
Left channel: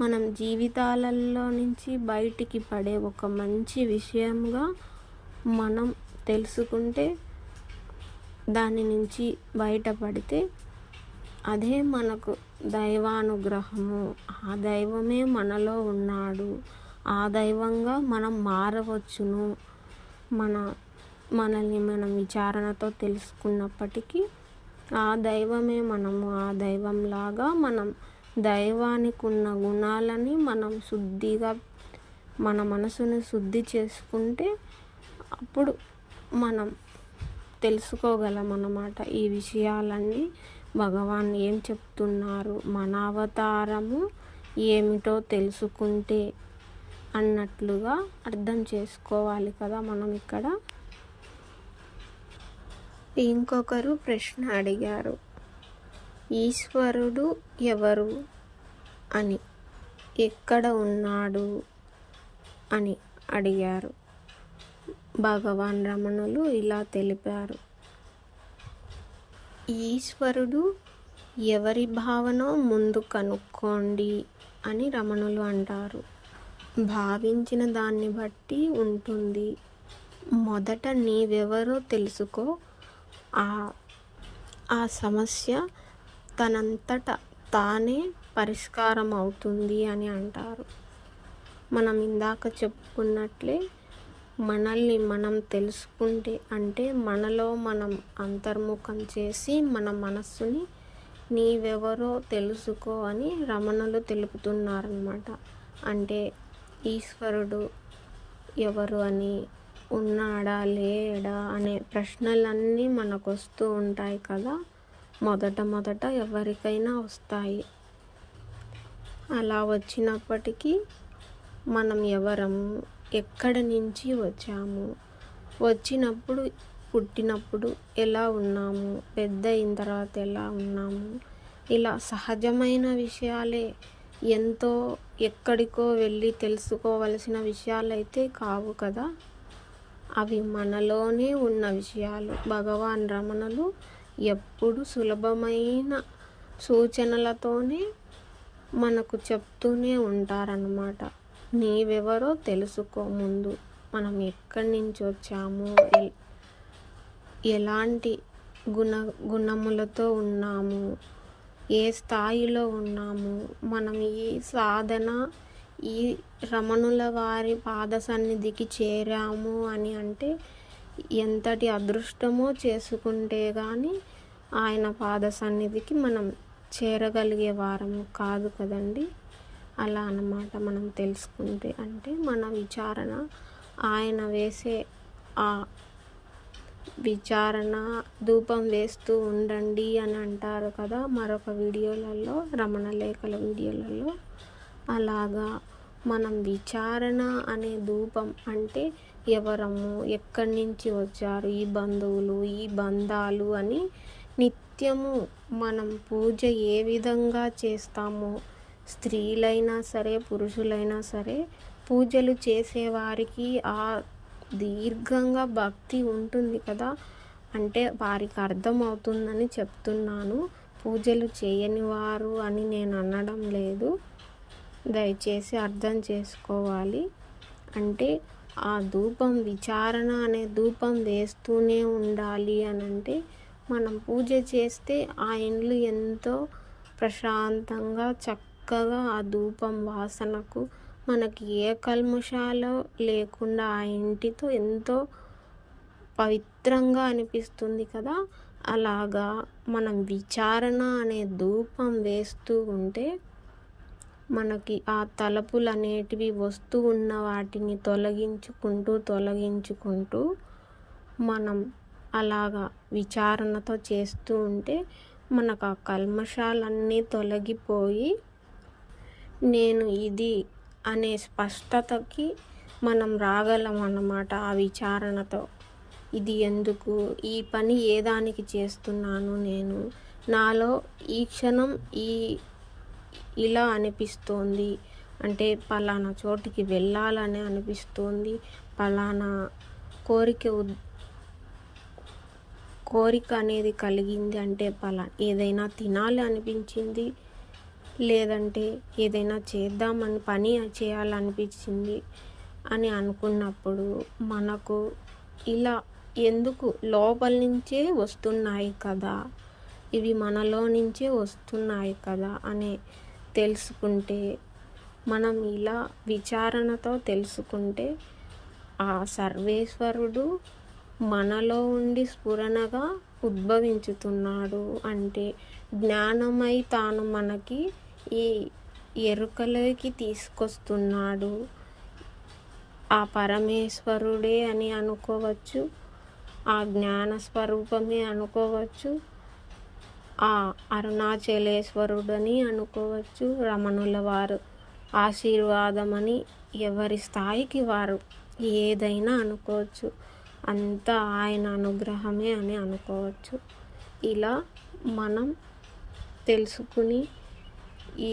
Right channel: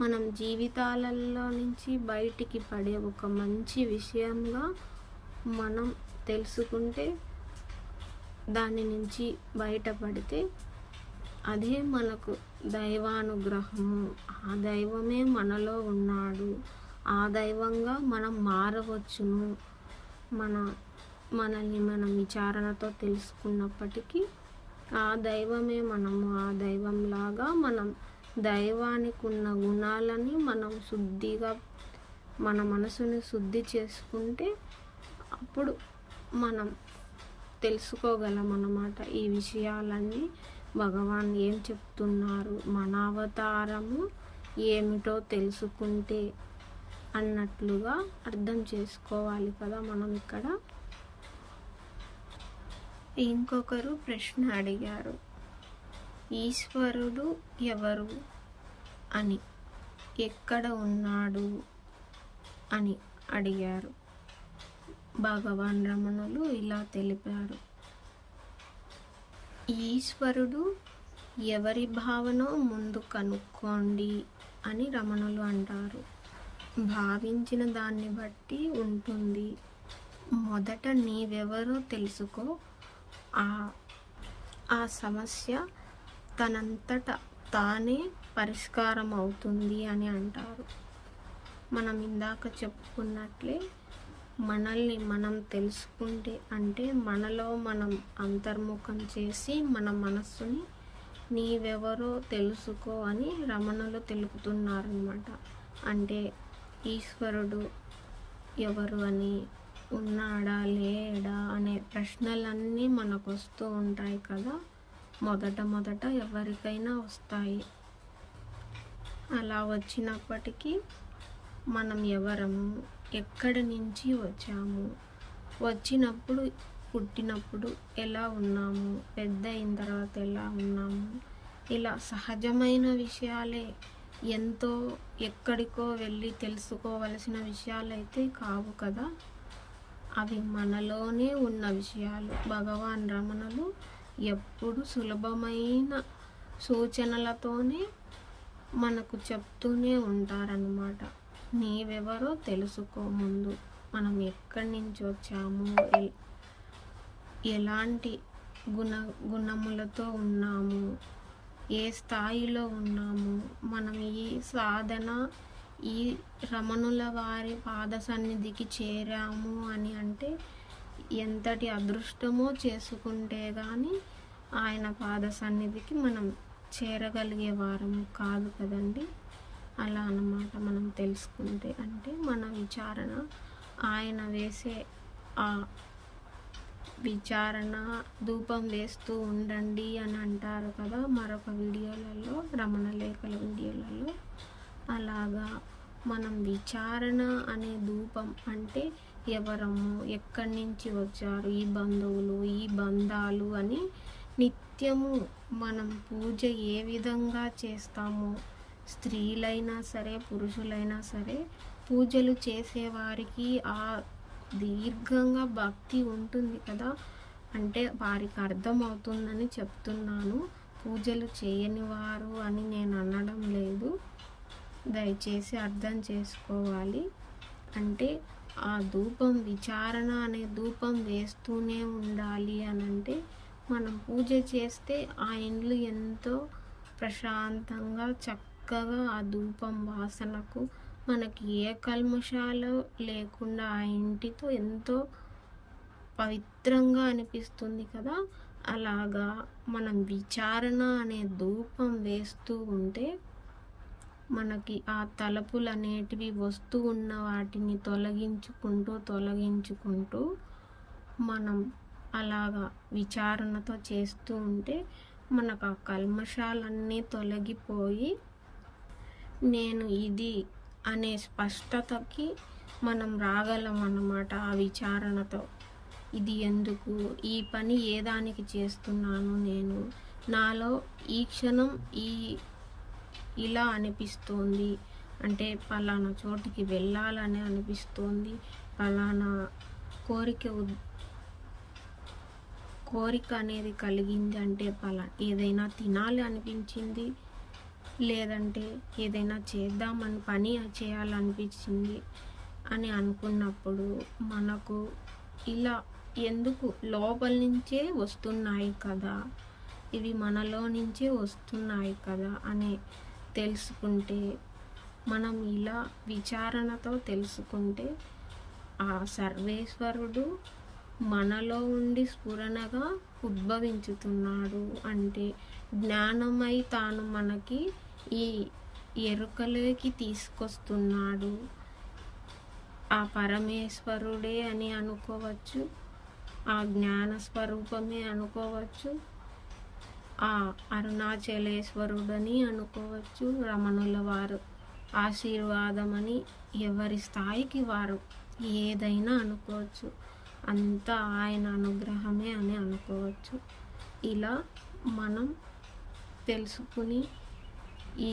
మనం జీవితాలలో నుంచి బయటికి పడే ఒక మంచి విషయంగా మనం తెలుసుకుంటే దాని నుంచి బయటపడితే అదే మనకు దైవానుగ్రహము. ఆ దైవమే మనలో ఉన్నాడు. ఆ దైవంగా మనం మారవచ్చును. మనల్ని మనం విచారణతో తెలుసుకున్నప్పటికీ ఆ దైవమే మనము. ఆ దైవంలాగా మనం దైవానికి ఉన్న గుణాలని మనం శుద్ధిగా మన మనసును శుద్ధి చేసుకుంటే అప్పుడు మనం తెలుసుకోగలం అన్నమాట. ఈ విషయాలన్నీ భగవాన్ ఏం చెప్తున్నారు, మన అవతారము ఏమిటో తెలుసుకుంటే అన్నట్లుగా అర్థం చేసుకోవాలి కదా మనం ఇక్కడ. ఇంకొకరు ప్రశ్న అడిగారు, ఈశ్వరుడు ఎవరు అని, ఎక్కడ ఉన్నాడు అని అడిగారు. భగవాన్ రమణులు ఇలా తెలిపారు, ఈశ్వరుడు ఎవరి భావనో ముందు కనుక్కోండి అని రమణులు అంటారు. భావించిన దాన్ని బట్టి ఉంటుంది. మొదట నీవెవరో తెలుసుకో, ఆ సమస్య తనంతట తానే పరిష్కారం అవుతుంది అని అంటారు. మనం ఇందాక చెప్పుకున్నట్లే మనల్ని మనం తెలుసుకుంటే అంటే మనలో మనం అంతర్ముఖం చేసి మన మనస్సుని నీవెవరో తెలుసుకో అని రమణులు తెలుపుతున్నారన్నమాట. అంటే ఈశ్వరుడు ఎవరు అని, ఉన్నాడా లేడా అనే ప్రశ్నలన్నీ మనకు వస్తూ ఉంటాయి కదా. మొదట ఎవరికైనా వస్తాయి. అలా వచ్చినప్పటికీ మనం ఎవరము, ఎక్కడి నుంచి వచ్చాము, వచ్చినప్పుడు పుట్టినప్పుడు ఎలా ఉన్నాము, పెద్ద అయిన తర్వాత ఎలా ఉన్నాము, ఇలా సహజమైన విషయాలే. ఎంతో ఎక్కడికో వెళ్ళి తెలుసుకోవలసిన విషయాలు అయితే కావు కదా. అవి మనలోనే ఉన్న విషయాలు. భగవాన్ రమణులు ఎప్పుడు సులభమైన సూచనలతోనే మనకు చెప్తూనే ఉంటారన్నమాట. నీవెవరో తెలుసుకో ముందు, మనం ఎక్కడి నుంచి వచ్చాము, ఎలాంటి గుణములతో ఉన్నాము, ఏ స్థాయిలో ఉన్నాము, మనం ఈ సాధన ఈ రమణుల వారి పాద సన్నిధికి చేరాము అని అంటే ఎంతటి అదృష్టమో చేసుకుంటే కానీ ఆయన పాద సన్నిధికి మనం చేరగలిగే వారము కాదు కదండి. అలా అన్నమాట. మనం తెలుసుకుంటే అంటే మన విచారణ ఆయన వేసే ఆ విచారణ ధూపం వేస్తూ ఉండండి అని అంటారు కదా మరొక వీడియోలలో, రమణ లేఖల వీడియోలలో. అలాగా మనం విచారణ అనే ధూపం అంటే ఎవరము, ఎక్కడి నుంచి వచ్చారు, ఈ బంధువులు, ఈ బంధాలు అని నిత్యము మనం పూజ ఏ విధంగా చేస్తామో, స్త్రీలైనా సరే పురుషులైనా సరే పూజలు చేసేవారికి ఆ దీర్ఘంగా భక్తి ఉంటుంది కదా. అంటే వారికి అర్థమవుతుందని చెప్తున్నాను. పూజలు చేయని వారు అని నేను అనడం లేదు, దయచేసి అర్థం చేసుకోవాలి. అంటే ఆ ధూపం విచారణ అనే ధూపం వేస్తూనే ఉండాలి అని అంటే మనం పూజ చేస్తే ఆ ఇండ్లు ఎంతో ప్రశాంతంగా చక్కగా ఆ ధూపం వాసనకు మనకి ఏ కల్మషాలు లేకుండా ఆ ఇంటితో ఎంతో పవిత్రంగా అనిపిస్తుంది కదా. అలాగా మనం విచారణ అనే ధూపం వేస్తూ ఉంటే మనకి ఆ తలపులు అనేటివి వస్తూ ఉన్న వాటిని తొలగించుకుంటూ మనం అలాగా విచారణతో చేస్తూ ఉంటే మనకు ఆ కల్మషాలన్నీ తొలగిపోయి నేను ఇది అనే స్పష్టతకి మనం రాగలం అన్నమాట. ఆ విచారణతో ఇది ఎందుకు, ఈ పని ఏ దానికి చేస్తున్నాను నేను, నాలో ఈ క్షణం ఇలా అనిపిస్తోంది అంటే పలానా చోటికి వెళ్ళాలని అనిపిస్తోంది, పలానా కోరిక అనేది కలిగింది అంటే ఏదైనా తినాలి అనిపించింది, లేదంటే ఏదైనా పని చేయాలనిపించింది అని అనుకున్నప్పుడు మనకు ఇలా ఎందుకు లోపల నుంచే వస్తున్నాయి కదా, ఇవి మనలో నుంచే వస్తున్నాయి కదా అని తెలుసుకుంటే, మనం ఇలా విచారణతో తెలుసుకుంటే ఆ సర్వేశ్వరుడు మనలో ఉండి స్ఫురణగా ఉద్భవించుతున్నాడు. అంటే జ్ఞానమై తాను మనకి ఈ ఎరుకలోకి తీసుకొస్తున్నాడు. ఆ పరమేశ్వరుడే అని అనుకోవచ్చు, ఆ జ్ఞాన స్వరూపమే అనుకోవచ్చు, ఆ అరుణాచలేశ్వరుడని అనుకోవచ్చు, రమణుల వారు ఆశీర్వాదమని, ఎవరి స్థాయికి వారు ఏదైనా అనుకోవచ్చు, అంతా ఆయన అనుగ్రహమే అని అనుకోవచ్చు. ఇలా మనం తెలుసుకుని ఈ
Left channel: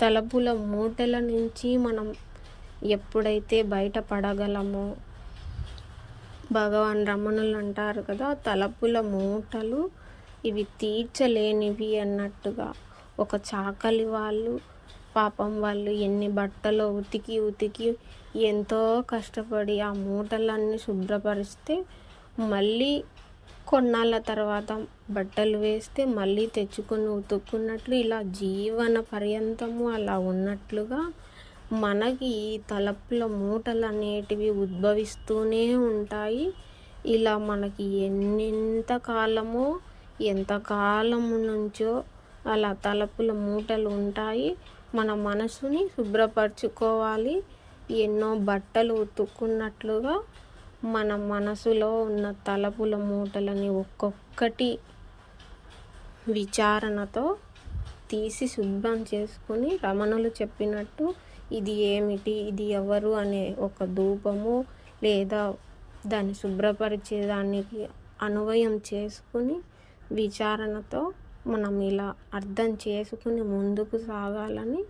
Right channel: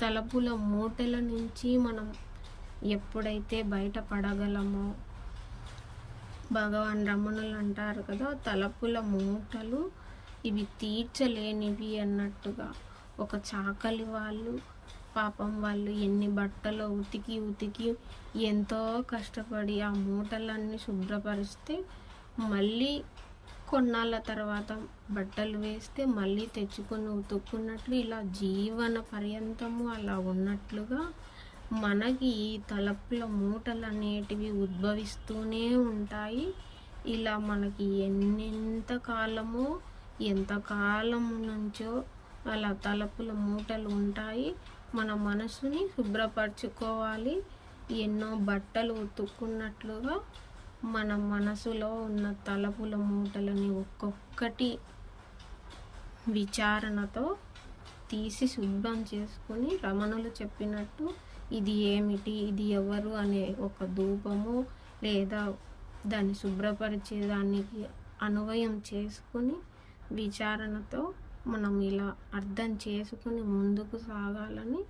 తలపుల మూటల నుంచి మనం ఎప్పుడైతే బయటపడగలమో, భగవాన్ రమణులు అంటారు కదా, తలపుల మూటలు ఇవి తీర్చలేనివి అన్నట్టుగా. ఒక చాకలి వాళ్ళు పాపం వాళ్ళు ఎన్ని బట్టలో ఉతికి ఎంతో కష్టపడి ఆ మూటలన్నీ శుభ్రపరిస్తే మళ్ళీ కొన్నాళ్ళ తర్వాత బట్టలు వేస్తే మళ్ళీ తెచ్చుకొని ఉతుక్కున్నట్లు, ఇలా జీవన పర్యంతము అలా ఉన్నట్లుగా మనకి ఈ తలపుల మూటలు అనేటివి ఉద్భవిస్తూనే ఉంటాయి. ఇలా మనకి ఎంతకాలము నుంచో అలా తలపుల మూటలు ఉంటాయి. మన మనసుని శుభ్రపరచుకోవాలి. ఎన్నో బట్టలు ఉతుక్కున్నట్లుగా మన మనసులో ఉన్న తలపుల మూటలని ఒక్కొక్కటి విచారణతో తీసి శుభ్రం చేసుకుని, రమణులు చెప్పినట్టు ఇది ఏమిటి, ఇది ఎవరు అనే ఒక ధూపము లేదా దాన్ని శుభ్రపరిచేదానికి అన్వయం చేసుకుని విచారణతో మనం ఇలా అర్థం చేసుకుని ముందుకు సాగాలని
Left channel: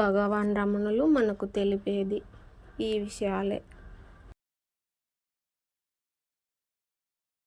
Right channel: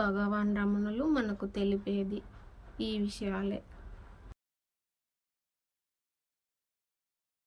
భగవాన్ రమణులు మనకు తెలిపేది ఈ విషయాలే.